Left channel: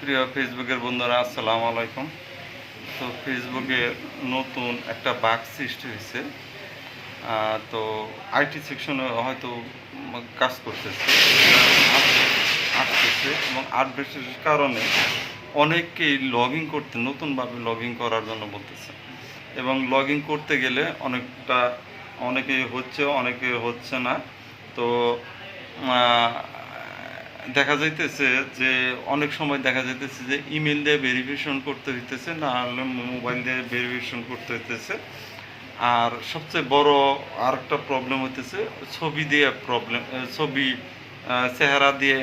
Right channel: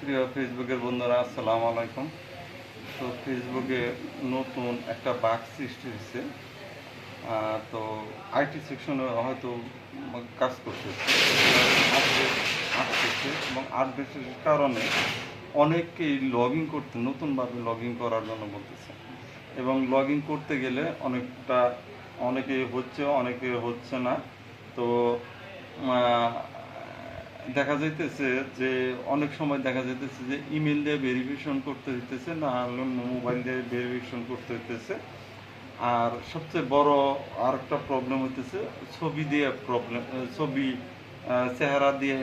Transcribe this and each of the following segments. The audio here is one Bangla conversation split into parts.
প্রিয় ফেসবুকের বন্ধুরা, আসসালামু আলাইকুম। তো ফেসবুকে নতুন একটা বাগ সৃষ্টি হয়েছে। তো আইটি সেকশনে হয়তো কাজ করতেছে। আসতেছে এবং আপডেটের কারণে অনেককেই লগ ইন করতে, নতুনভাবে লগ ইন করার জন্য বলতেছে। এবং লগ ইন করতে গেলে অনেকটা, অনেকে হচ্ছে অনেকে হচ্ছে না। তো দেখা যাইতেছে যে অনেক সময় দেখা যাইতেছে যে ইমেল দিয়ে ভেরিফিকেশন করতে হইতেছে, না হলে মোবাইল দিয়ে ভেরিফিকেশন করতে হইতেছে। আর সবচেয়ে বড় আর একটা প্রবলেম হইতেছে, ছবি দিয়ে প্রবলেম ছবি চেহারা দিয়ে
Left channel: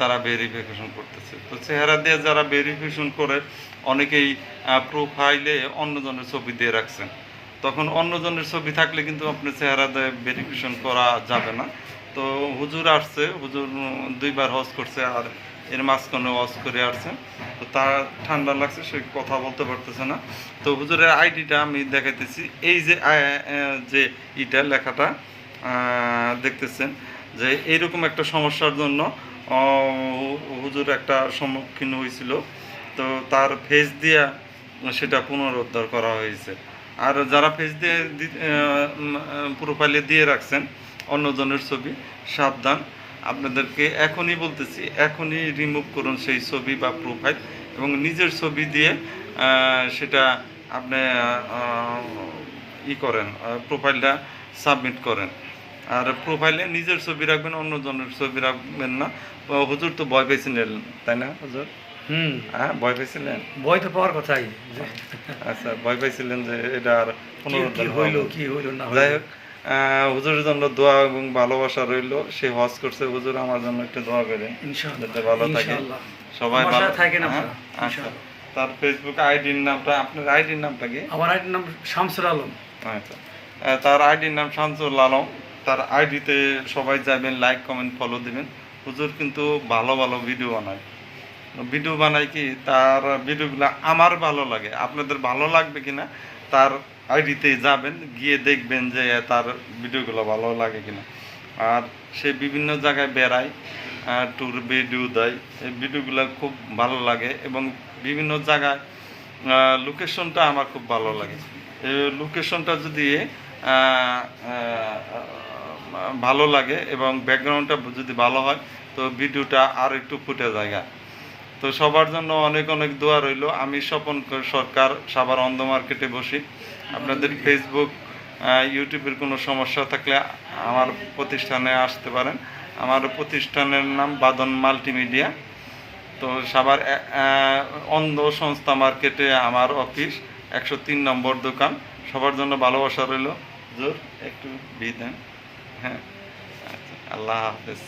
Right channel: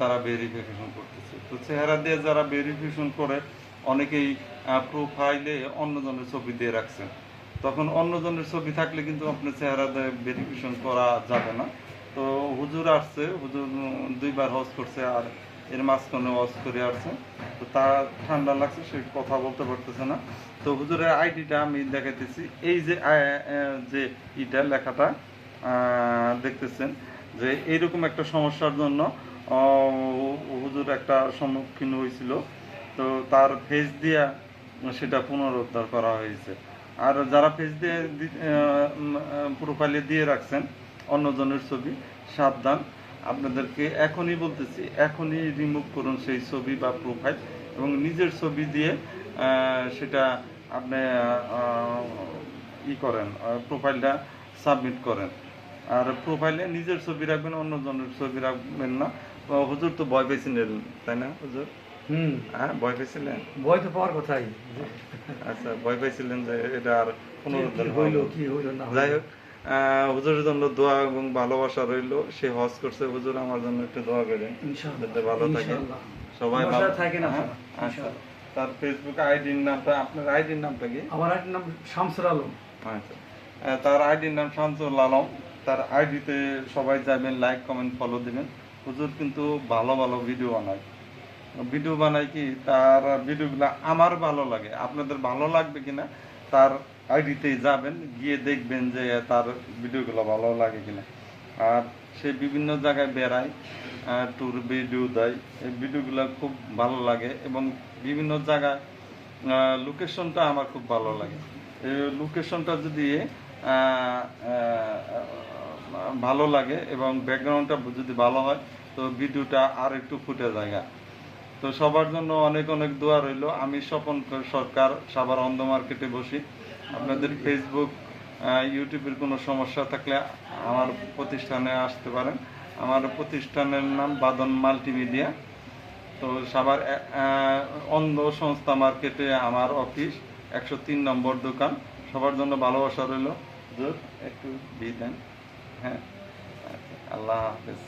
তারা ভেরিফিকেশন করতেছে। তো চেহারা দিয়ে যারা ভেরিফিকেশন করে, অনেকেই প্রোফাইলে অন্যজনের ছবি দিয়ে রাখছেন। তখন অন্যজনের ছবি থাকলে কিন্তু আপনি চেহারা দিয়ে ভেরিফিকেশন করা যাবে না। তো হুজুর আসছে, হুজুর দুইবার হজ করছে আর এর মাঝখানে হজ করে আসছে। তো তার ঠান্ডা লাগছে, সে কথা বলতে পারতেছে না। তো হুজুরের আইডিটা আমি দেখাইতেছি। এই যে যে ইটা, লেখাটা দেখতেছেন যে এইরকম একটা সমস্যার জন্য হুজুর একটা সম্মুখীন হয়েছিল। তো তার ফেস দিয়া সেটা পুনরুদ্ধার করা হয়েছে। আর যারা ফেস দিয়ে প্রোফাইলে দিয়ে রাখছেন, অন্যজনের ছবি, সাবধান। আপনাদেরকে এখনই বলতেছি, এখনই রিমুভ করুন সেই ছবি বা প্রোফাইল এবং নিজের ছবি দিয়ে সেটা আপনি ই করেন প্রোফাইলটা সাবমিট করেন। আর প্রোফাইলে নিজের ছবি রাখবেন, অন্যজনের ছবি রাখবেন না। হুজুর তো ভয় পেয়েছিলেন তাই না, হুজুর? হুম। হ্যাঁ ভয় পেয়েছিলেন বই তো পাওয়ার কথাই। আচ্ছা ভয় পেয়েছিলেন যে এটা আর কি- কি পুনরুদ্ধার হইল কি হইল না যাই হোক হুজুরের জন্য দোয়া এবং ভালোবাসা রইল। সে হজ করছে হুজুর আমার জন্য একটু দোয়া করে ইনশাআল্লাহ যাতে ভালো থাকে। ইনশাআল্লাহ। সবাই ভালো থাকেন হ্যাঁ, আচ্ছা। তার ফেসবুক আইডির নামটা আপনার আইডির নামটা কি? আমার আইডির নাম শামসুর আলম। আচ্ছা। তার আইডির নাম শামসুল আলম। তার আইডিতে সবাই যাবেন লাইক কমেন্ট ফলো দিবেন। হুজুর কিন্তু ভালো ভালো ভিডিও বানায়। ভিডিও বানাই কি, তার ভিডিওগুলো আমার ভালো লাগে। আপনাদের ভালো লাগবে কিনা, তার আইডিতে যাবেন, গিয়ে দেখবেন যে তার ভিডিওগুলো ভালো লাগে কিনা। আর সে বিভিন্ন জায়গায় বেড়ায় ট্যুর ভিডিও দেয়, এই ভিডিওগুলো খুব ভালো লাগে এবং বিভিন্ন জায়গায় লোকেশনটা আমার খুব ভালো লাগে। এই লোকেশনটা যদি ভালো লাগে এবং ব্যাকগ্রাউন্ডটা যদি ভালো হয়, তো ভিডিওটা আর একটু ফুটে জায়গা তো সবার জন্য অনেক অনেক দোয়া রইল। আমি স্বপন সরকার সাভার অন্ধ মার্কেটে বসি। আপনাদের ফেসবুক ইউটিউবের কোনো সমস্যা থাকলে আমার প্রতিষ্ঠানে আসতে পারেন। আমার প্রতিষ্ঠানের নাম বাদন মাল্টিমিডিয়া। তো আহ, অন্ধ সংস্থা মার্কেটে আমার অফিস একশো তিন নম্বর দোকান। সবার জন্য ভালোবাসা রইল। জোর একটু বিদান হ্যাঁ আচ্ছা, আল্লাহ হাফেজ।